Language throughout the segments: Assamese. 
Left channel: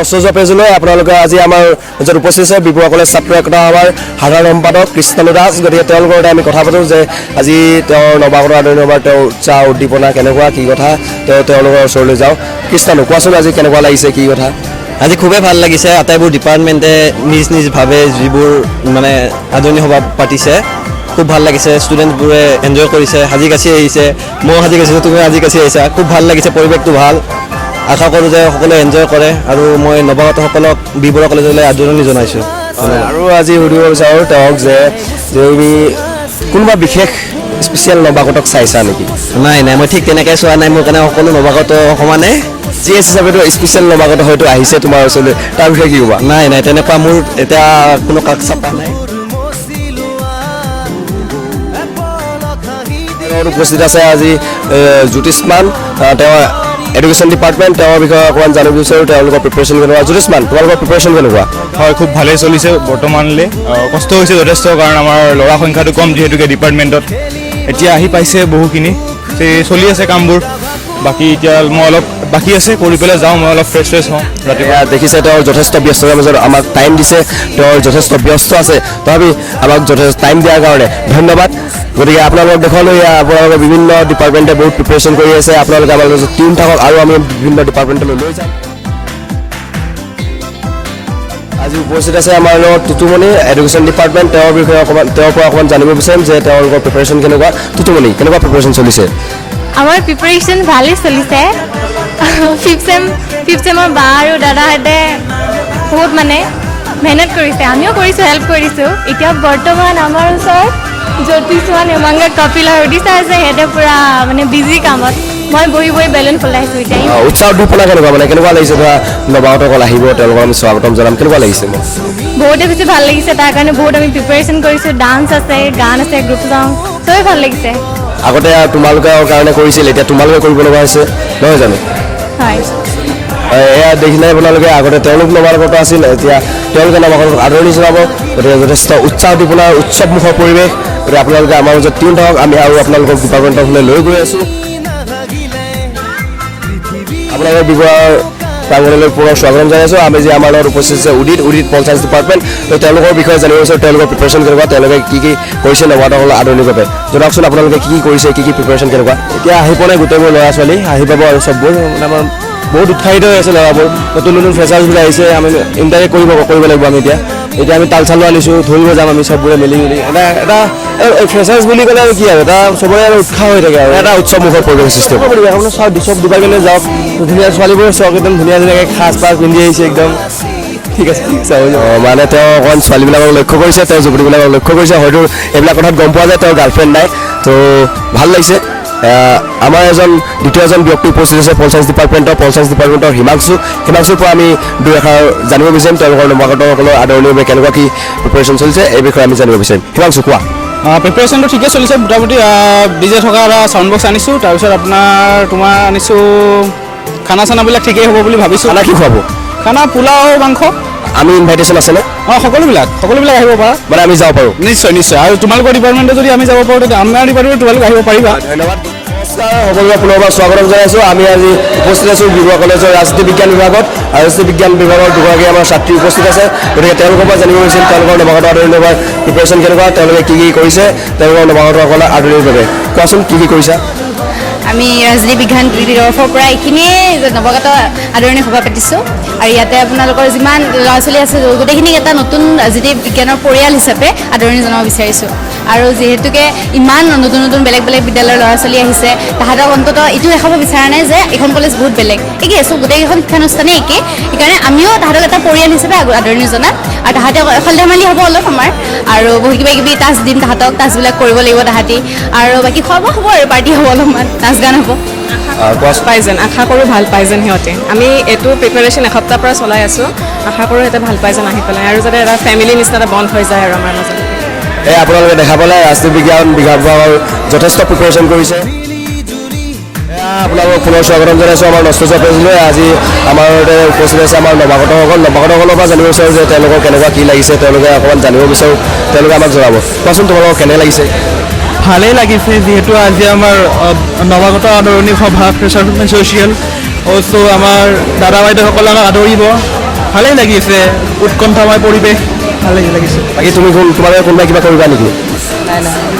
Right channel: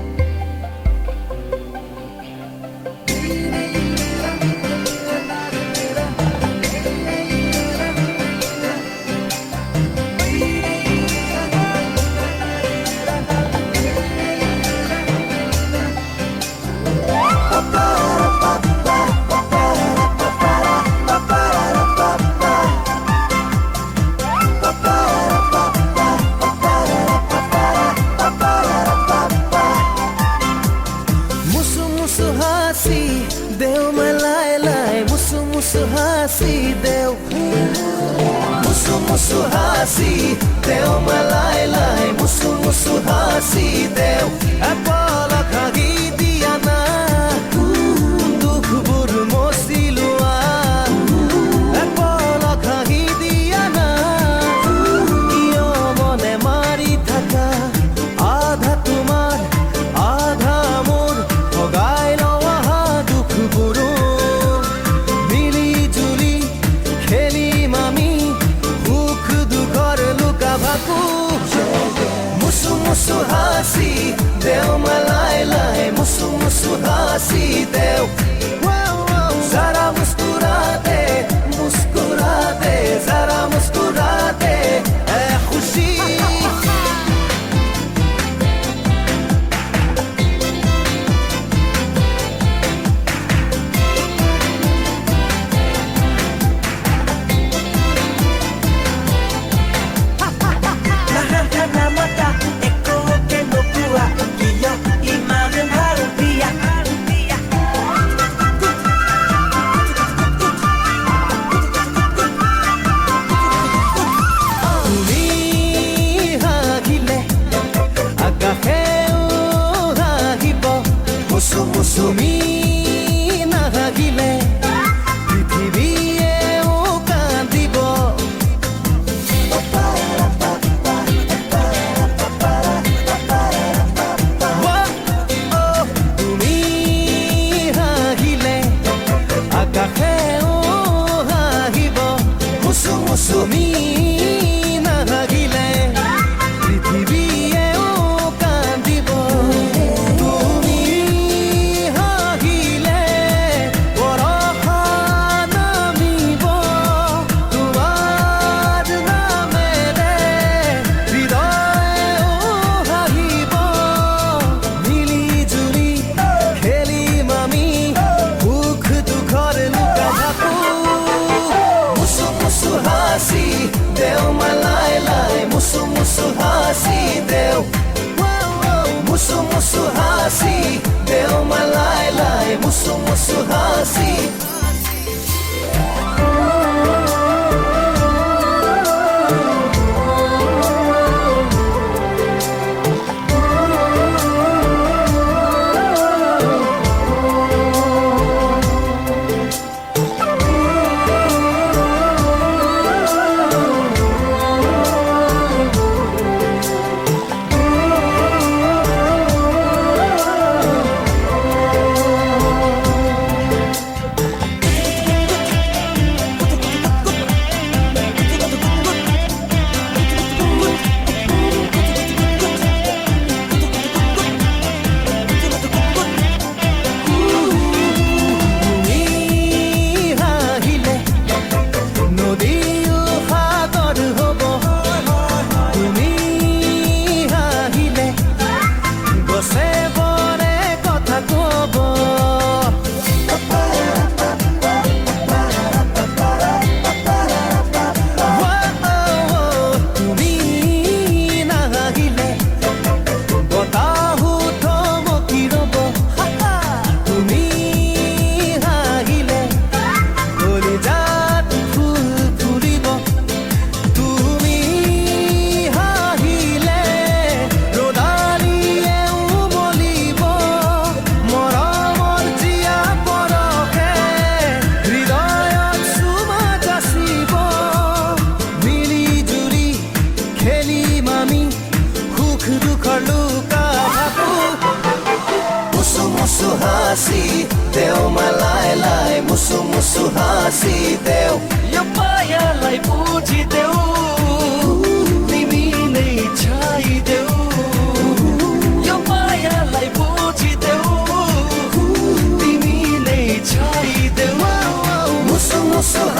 নষ্টযোৱা পেজলৈ আপোনালোকে আজি আমাৰ য'ত উপস্থিত আছে বিপুৱা কলেজ ছাত্ৰ একতা আমাৰ সাধাৰণ সম্পাদক কৃষ্ণানু দাস। গতিকে তেওঁলোকৰ সৈতে আমি কথা পাতোঁ যে আজি তেওঁৰ নৱাগত আদৰণি সভাৰ তেওঁৰ উৎসাহ উদ্দীপনা কেনেকুৱা কি কথা তেওঁলোকৰ ওচৰলৈ যাওঁ। কৃষ্ণানু কোৱাচোন আজি কেনেকুৱা লাগিছে কি কথা? আজি খুবেই ভাল লাগিছে। আটাইবোৰ ডিপাৰ্টমেণ্টে নিজভাৱে যিবোৰ মানে আদৰণি সভা পাতিছে খুব ভাল লাগিছে। ষ্টুডেণ্টবোৰে এনজয় কৰিছে, সাজি কাচি আহিছে। ময়ো সাজি কাচিছোঁ, তুমি সাজি কাচি আহিছা। খুব ভাল লাগিছে, পৰিৱেশটো ভাল। আশা কৰোঁ যে সকলোৱে এনজয় কৰে আৰু মই নৱাগতসকলক বিবৰুৱা কলেজলৈ আদৰণি জনাইছোঁ। আৰু আজি সুধিব বিচাৰোঁ তেওঁক যে তুমি কোনোবা বিশেষ স্পেচিয়েল নৱাগতক চাইছা নেকি? নাই মই ঠিক তেনেকৈ চোৱা নাই। মোৰ কাৰণে সকলো নৱাগত সমানে জি এছ হিচাপেতো স্পেচিয়েল নৱাগত হয়তো আহিছে তোমাৰ ওচৰলৈ, তাৰ বিষয়ে কি ক'বা? নাই তেনেকুৱা মোৰ এতিয়া কোনো কাক চাপ নাই। উপস্থিত আছে আজি জ্যোতিষ্মান, তেওঁ এডুকেশ্যন ডিপাৰ্টমেণ্ট। তেওঁৰ বিষয়ে অকণমান জানিব বিচাৰোঁ তেওঁলোকৰ প্ৰিপেৰেশ্যন কেনেকুৱা। জ্যোতিষ্মান, তোমালোকৰ প্ৰিপেৰেশ্যন কেনেকুৱা? হয়, খুব ভালেই চলিছে বৰ্তমানলৈ। কষ্ট হৈছে যথেষ্ট, কাৰণ আমাৰ ল'ৰা সংখ্যাটো কম যিহেতুকে ডিপাৰ্টমেণ্টত। এতিয়া আহি পাইছে বহুখিনি, চলি আছে কামবোৰ। বাকী এতিয়া মই অলপ বাকী আছে, কৰি পেলাই যাওঁ, মই অলপ ফ্ৰেছ হওঁ। ৰাতিপুৱা দেখিছে তেওঁৰ যথেষ্ট ব্যস্ততাৰ মাজত আমাক টাইম দিছে, তেওঁৰ যথেষ্ট ব্যস্ত আছে, তথাপি আমাক যথেষ্ট টাইম দিয়াৰ কাৰণে ধন্যবাদ। গতিকে আপোনালোকক দেখুৱালোঁ আপোনালোকৰ বিভিন্ন ডিপাৰ্টমেণ্টে বহুত প্ৰিপেৰেশ্যন কৰি আছে। আপোনালোকে আমাৰ টিম থাকক আৰু আমি বিভিন্ন ডিপাৰ্টমেণ্টলৈ লৈ যাম। আজি উপস্থিত আছে আমাৰ লগত টুটুমণি, এডুকেশ্যন ডিপাৰ্টমেণ্ট। তেওঁৰ বিষয়ে তেওঁৰ পৰা অকণমান জানিব বিচাৰিম যে তেওঁলোকৰ প্ৰিপেৰেশ্যন কেনেকুৱা। টুটুমণি, কেনেকুৱা প্ৰিপেৰেশ্যন চলিছে? আমাৰ প্ৰিপাৰেশ্যন ভালেই চলিছে। ফিফ্থ চেমৰ বা আৰু দাদাহঁতে বহুত মানে মেহনত কৰিছে, আমিও কৰিছোঁ, হেল্প কৰিছোঁ। এতিয়া বৰ্তমান আমাৰ ওচৰত জ্যোতিষ্মান, হেমাংগ, কপিল আৰু উদিশা আছে। সিহঁতে পূৰা মানে বিজি কামত। মই বহি বেলুন ফুলাইছোঁ এতিয়া। উৎসাহ উদ্দীপনা কেনেকুৱা, মানে কেনেকুৱা লাগিছে? ধৰা নৱাগতসকল আহিব, তেওঁলোকক আমি স্বাগতম জনাম, কেনেকুৱা লাগিছে? বহুতে বেছি ভাল লাগিছে, তাৰ কাৰণে বহুত আমি প্ৰিপাৰেশ্যন কৰিছোঁ। ডান্স আছে, গান আছে, গ্ৰুপ সং, চবেই ভাল লাগিছে। আগতে তোমালোকৰ কাৰণে কৰিছিল, এতিয়া তোমালোকে কৰিব লগা হৈছে, নহয় জানো? হয়, এয়া দেখিলে আপোনালোকে আগতে তেওঁলোক নৱাগত আছিল, এতিয়া তেওঁলোকে নৱাগতক আদৰণি জনাব। গতিকে যথেষ্ট উৎসাহ উদ্দীপনাৰ উৎসৱমুখৰ পৰিৱেশ। গতিকে আপোনালোকে আমাৰ মাজত টিম থাকক, আমি আৰু আপোনালোকক ডিপাৰ্টমেণ্টৰ ফালে লৈ গৈ আছোঁ। আপোনালোকৰ বিভাগৰ প্ৰাংগণলৈ পুনৰ স্বাগতম জনাইছোঁ। আমি যে আমাৰ লগত উপস্থিত আছে উদিত পঞ্চায়ত ডিপাৰ্টমেণ্ট। তেওঁলোকৰ বিষয়ে জানিব বিচাৰোঁ, তেওঁলোকৰ প্ৰিপেৰেশ্যন কেনেকুৱা, তেওঁলোকে কি কৰিছে নৱাগতসকলক আদৰণি বাবে। জনাওকচোন আপোনালোকে কি কৰিছে, কি প্ৰিপেৰেশ্যন কেনেকুৱা? এতিয়া আহি পোৱা নাই গোটেইবোৰ ল'ৰা ছোৱালী, আহি পাব আৰু চববোৰ। আমাৰ বহুত উৎসাহিত হৈ আছে ল'ৰাবোৰ। নতুন ফ্ৰেচাৰ্ছবোৰ আহিছে, আমি ইণ্টাৰেক্ট কৰিব লাগিব। আমি এতিয়া আমি তাল চালো আনিছোঁ, ধৰিব যাম আমি চববোৰে মিলি এটা ফ্ৰেচাৰ্ছ বুলি ক'লে আৰু কি আৰু এটা চবৰে আৰু উৎসাহ হৈ থাকে আৰু এটা উৎসৱমুখৰ পৰিৱেশ সৃষ্টি হ'ব। আপোনাৰ চব ডিপাৰ্টমেণ্টলৈ যাওক, ধুনীয়া ছোৱালীবোৰে চক একদম ধুনীয়া সাজ পাৰ পিন্ধি আহিছে একদম। ঠিক আছে, মানে তেওঁ অকণমান ছোৱালীবিলাকক লক্ষ্য কৰিছে, তেওঁ যুৱতীবিলাকক লক্ষ্য কৰিছে। হয়তো এইবিলাক কথাত গম পোৱা যায় তেওঁৰ গাৰ্লফ্ৰেণ্ড নাই, তো ভাল লাগিছে। আমাৰ দ্বিতীয় এজন ব্যক্তি উপস্থিত আছে পঞ্চায়ত ডিপাৰ্টমেণ্টৰ হিমাংশুৰ পৰা আমি দুই এষাৰ জানিব বিচাৰিম তেওঁলোকৰ নৱাগতসকলৰ আদৰণিৰ বাবে কেনেকুৱা কি প্ৰিপেৰেশ্যন চলিছে, এই বিষয়ে আমি জানিব বিচাৰিম। হিমাংশু, কোৱা। প্ৰিপেৰেশ্যনটো ঠিকে চলিছে মোটামুটি। ডিজে থকা এটা চাউণ্ড বক্স আনিছোঁ, তাৰপিছত তোমাৰ আনিছোঁ খানা চানাবিলাক ঠিকেই হ'ব বুলি ভাবিছোঁ। খানা কি খুৱাব? খানা পোলাও, মাংস। আমি ইনভাইটেশ্যন আছেনে? সকলোবিলাক আহিব পাৰা, মানে আমি যাব পাৰোঁ? নিশ্চয়। আৰু তোমালোকৰ ডিপাৰ্টমেণ্টে যদি আমি যাব পাৰোঁ, তেতিয়া আমাৰ ডিপাৰ্টমেণ্টে তোমালোকে আহিব পাৰিবা। ধন্যবাদ। সকলোকে পুনৰবাৰ স্বাগতম জনাইছোঁ। আমি আজি উপস্থিত আছোঁ বিবৰুৱা কলেজৰ ৰাজনীতি বিজ্ঞান বিভাগত, আৰু ৰাজনীতি বিজ্ঞান বিভাগৰ দুগৰাকী আমাৰ ছাত্ৰী উপস্থিত আছে। গতিকে তেওঁলোকৰ পৰা জানিব বিচাৰিম তেওঁলোকৰ নৱাগত আদৰণি সভাৰ প্ৰিপেৰেশ্যন কেনেকুৱা, তেওঁলোকে কি কৰিছে তেওঁলোকৰ নৱাগতসকলৰ আদৰণিৰ বাবে। কোৱাচোন কি কৰিছা? আমি ৰাজনীতি বিজ্ঞান তৰফৰ পৰা এইখিনিয়ে নৱাগত আদৰণি সভা পাতিছোঁ। আৰু ইয়াতে আপোনালোকৰ যিমান ল'ৰা ছোৱালী আছে গোটেইখিনিক এটা নতুন ৰাজনীতি বিজ্ঞানৰ পৰিয়াল হিচাপে আদৰণি জনাব বিচাৰিছোঁ। আৰু যিহেতুকে ইমান নতুন বেলেগ বিদ্যালয়ৰ ল'ৰা ছোৱালী আহিছে, তাহাঁতক অন্ততঃ এইটো দেখাব বিচৰা নাই যে এইখন কলেজ বহুত বেলেগ, একেই আছোঁ, গোটেইকেইখন শিক্ষানুষ্ঠানেই একে। সেইকাৰণে আমিও তাহাঁতক এটা পৰিয়াল হিচাপে আদৰণি জনাম। আৰু তাহাঁতে খেল ধেমালি হ'ব অলপ আমাৰ, আৰু কিবা টাচ দিম তাহাঁতক, টাচবিলাক কৰিব লাগিব তাহাঁতি। আৰু বাকী খোৱা বোৱা হ'ব আৰু পাৰ্টি হ'ব, অলপমান নাচ গান হ'ব। পাই যেন আশা কৰোঁ, ভাল পাই যেন সিহঁতে। আমি এইটো প্ৰিপেৰেশ্যন এসপ্তাহৰ পৰা চলাই আছোঁ, আশা কৰোঁ সিহঁতে ভাল পাই যেন আহি পেলাই, আৰু যাতে এটা ফেমিলি নিচিনা এটা বন্ধ হৈ যায় আৰু আমাৰ মাজত। আপোনালোকে দেখা পালে ৰাজনীতি বিজ্ঞান বিভাগৰ যথেষ্ট প্ৰিপেৰেশ্যন কৰিছে। আপোনালোকক পুনৰ স্বাগতম জনাইছোঁ আমাৰ নষ্টযোৱা পেজলৈ। আজি আমাৰ উপস্থিত আছে আমাৰ নৱাগতসকলৰ পৰা জানিব বিচাৰোঁ যে তেওঁলোকৰ কেনেকুৱা কি লাগিছে, তেওঁলোকে অকণমান জানিব বিচাৰোঁ, তেওঁলোকে আমাক জনাব। কোৱাচোন তোমালোকক কেনে লাগিছে? ভালেই লাগিছে, যিহেতু আজি আমাৰ নৱাগত আদৰণি সভা ফ্ৰেচাৰ ছ'চিয়েল, ত' আমাৰ দাদা বাইদেউসকলে আমাক আদৰিব। ভালেই লাগিছে, উৎকণ্ঠাময় পৰিৱেশ ভালেই লাগিছে। বাকী তুমি তোমালোকে কোনোবাই কিবা কৰিবা নেকি?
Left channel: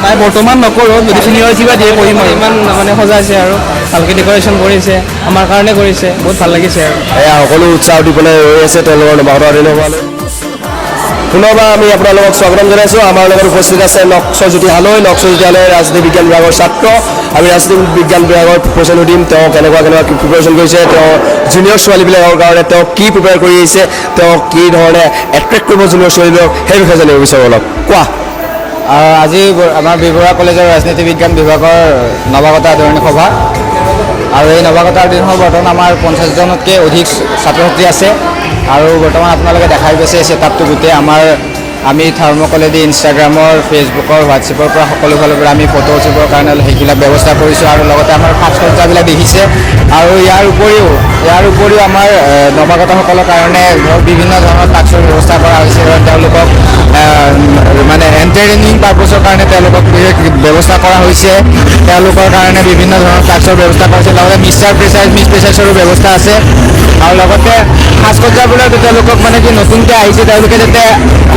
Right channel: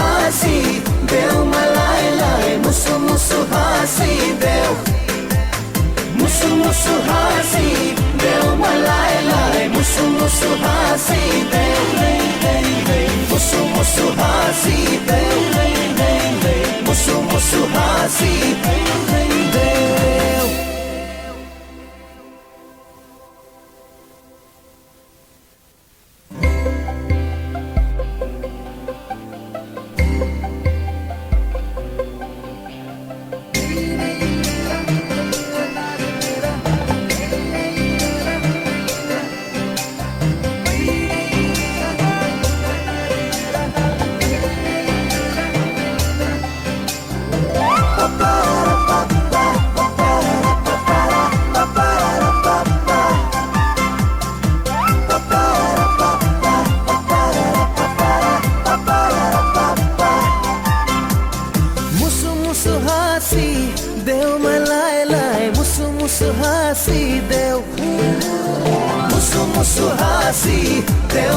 নাই বৰ্তমান নকৰোঁ, যদি চিনিয়ৰ কিবা দিয়ে কৰিম আৰু। ইমান মানে সজাইছে আৰু ভালকৈ ডেক'ৰেশ্যন কৰিছে, আমাৰ কাৰণে কৰিছে, বহুত ভাল লাগিছে আৰু। এয়া সকলো উৎসাহ দি পেলাই ৰৈ আছে তেওঁলোকৰ নৱাগত আদৰণি সভালৈ। পুনৰবাৰ আমি আপোনালোকক স্বাগতম জনাইছোঁ। আমাৰ লগত উপস্থিত আছে নক্সজ্যোতি হালৈ, নক্সজ্যোতি হালৈ ৰাজনীতি বিজ্ঞান বিভাগৰ ছাত্ৰ। আমি ৰাজনীতি বিজ্ঞান বিভাগৰ প্ৰিপেৰেশ্যন সুধিম, তেওঁ কেনেকুৱা প্ৰিপেৰেশ্যন কৰিছে, তেওঁ জুনিয়ৰ ছোৱালীবিলাকৰ কাৰণে তেওঁ কি প্ৰিপেয়াৰ কৰি আহিছে, তেওঁ কি ধৰণে এট্ৰেক্ট কৰিব জুনিয়ৰ ছোৱালীবিলাকক, সেই বিষয়ে জানিব বিচাৰোঁ অলপ। কোৱা। আজি আমাৰ বি-বৰুৱা কলেজৰ ৰাজনীতি বিজ্ঞান বিভাগৰ নৱাগত আদৰণি সভা, আৰু এই নৱাগত আদৰণি সভা বৰ্তমান আমাৰ 50জনতকৈ অধিক ছাত্ৰ ছাত্ৰী আছে। আৰু বৰ্তমান আপোনালোকে দেখাই গৈছে ছেটআপটো গোটেই আমি থাৰ্মকলেদি ইনষ্টাগ্ৰামৰ, ফেচবুকৰ, হোৱাটছএপৰ পৰা সকলো ফালৰ পৰা আমি ফটো উঠিবৰ কাৰণে সেইবিলাক ব্যৱস্থা কৰিছোঁ। আৰু লগতে আমাৰ সাজ সজ্জাবিলাক দেখিছে। আৰু ইয়াৰ উপৰিও আমাৰ নৱাগতসকলৰ কাৰণে বিভিন্ন ধৰণৰ টাস্কৰ ব্যৱস্থা কৰা হৈছে। তেওঁলোকক মানে এণ্টাৰটেইনিং পাৰ্পছৰ কাৰণে তেওঁলোকক ব্যৱস্থা কৰা হৈছে। তেওঁলোকৰ কাৰণে বিভিন্ন ধৰণৰ টাস্কৰ ব্যৱস্থা কৰা হৈছে। লগতে মিছ প্ৰেচাৰ্ছৰো ব্যৱস্থা আছে। আৰু লগতে সাজ সজ্জাবিলাক তেওঁলোকক মানে কি নতুনকৈ আহিছে, তেওঁলোকে যাতে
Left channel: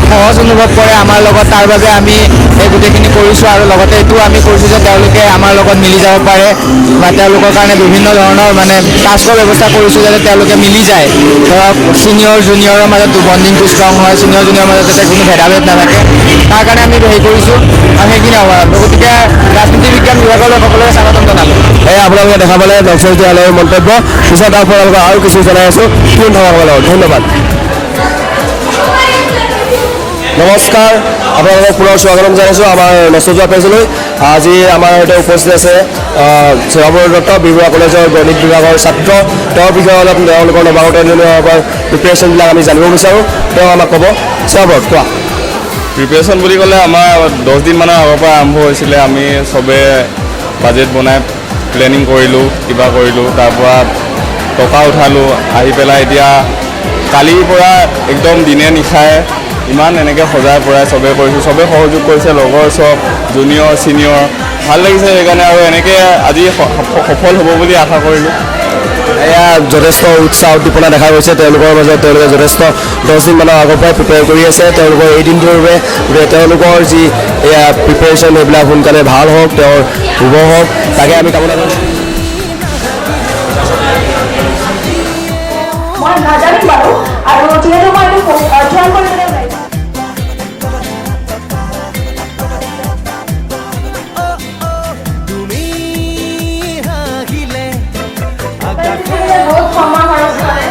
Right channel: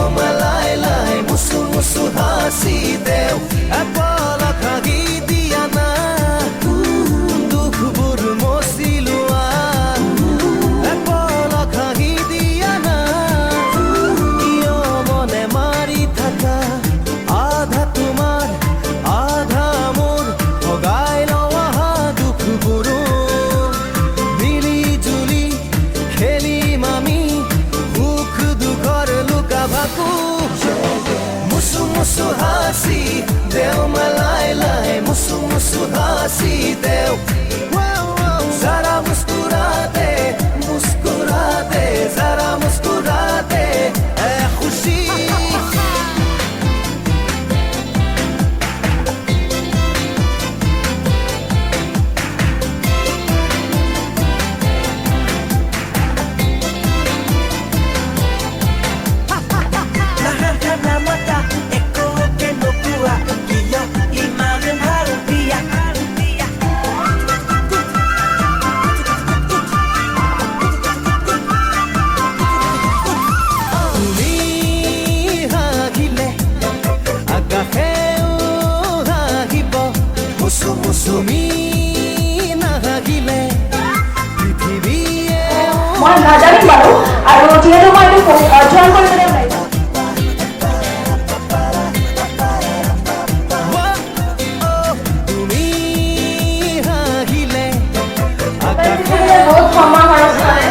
সহজ অনুভৱ কৰে আমাৰ লগত, তাৰ বাবে আমি এই গোটেইখিনি কৰিছোঁ। আৰু লগতে এইটো আমি কৰিছোঁ যে তেওঁলোকে আমাৰ লগত মিলি যাব পাৰে, বা তেওঁলোকৰ কাৰণে বিভিন্ন ধৰণৰ মানে টাস্কৰ ব্যৱস্থা কৰিছোঁ যাতে তেওঁলোকে মিলি যায়। ধৰক ছিনিয়ৰ জুনিয়ৰৰ মাজত বণ্ডিংটো ষ্ট্ৰং হয়, ছিনিয়ৰ জুনিয়ৰৰ মাজত যাতে কোনো ভেদাভেদ নাথাকে, তাৰ কাৰণে আমি হেৰি কৰিছোঁ। আৰু সেইখিনি হ'ব। গতিকে ৰাজনীতি বিজ্ঞান বিভাগৰ সকলোকে স্বাগতম জনালোঁ। এই আপোনালোকে দেখা পালে নক্সজ্যোতি হালৈৰ মন্তব্য। পিছত আপোনালোকক আৰু কিছু জনাই আছোঁ। ধন্যবাদ। নমস্কাৰ, আপোনালোকক পুনৰ স্বাগতম জনাইছোঁ আমাৰ নক্সজ্যোতি পেজলৈ। আজি আমাৰ সৈতে উপস্থিত আছে শ্ৰীৰামৰ দত্ত, বি-বৰুৱা কলেজৰ গণিত বিভাগৰ ছাত্ৰ। তেওঁৰ বিষয়ে অলপ তেওঁলোকৰ নৱাগত আদৰণি সভাৰ প্ৰিপেৰেশ্যনবিলাক আমি জানিব বিচাৰোঁ। তেওঁ আমাক ক'ব। শ্ৰীৰামৰ কোৱা। প্ৰিপেৰেশ্যন বুলি ক'লে আমাৰ 10 দিনমানৰ আগৰ পৰা আৰম্ভ হৈছিলে। আমি চবে বাজেট বনাই প্লেনিং কৰিলোঁ, কিবা কৰিলোঁ, তাৰপৰা টকা উঠালোঁ। আহি পেলাই এতিয়া কালিৰ পৰা একদম দিনে নিশাই ইমান এনেকৈ সজাই পৰাই চবে কৰিছোঁ। চবে সহযোগ কৰিছে, লগৰ চব জুনিয়ৰ ছিনিয়ৰ, ভাল লাগিছে সেইকাৰণে। আৰু এনেকৈ আজি সফল হ'ব বুলি আশা কৰিলোঁ। এয়া যথেষ্ট উৎসাহ উদ্দীপনা দেখা গৈছে তেওঁলোকৰ মাজত। তেওঁলোকে যথেষ্ট 10 দিনমানৰ আগৰ পৰাই প্ৰিপেয়াৰ কৰি আছে। তেওঁলোকৰ এই দিনটোৰ বাবে তেওঁলোকৰ যি এয়া প্ৰিপেৰেশ্যন সেইবিলাক সোনকালে ভাল হওক, তেওঁৰ শুভ হওক, তাকে আমি কামনা কৰিছোঁ। মই নাজানিম বাৰু, আৰু যিহেতু মই এইটো জইন কৰিবলৈ ওলাইছোঁ। বহুত সময় খৰচ কৰে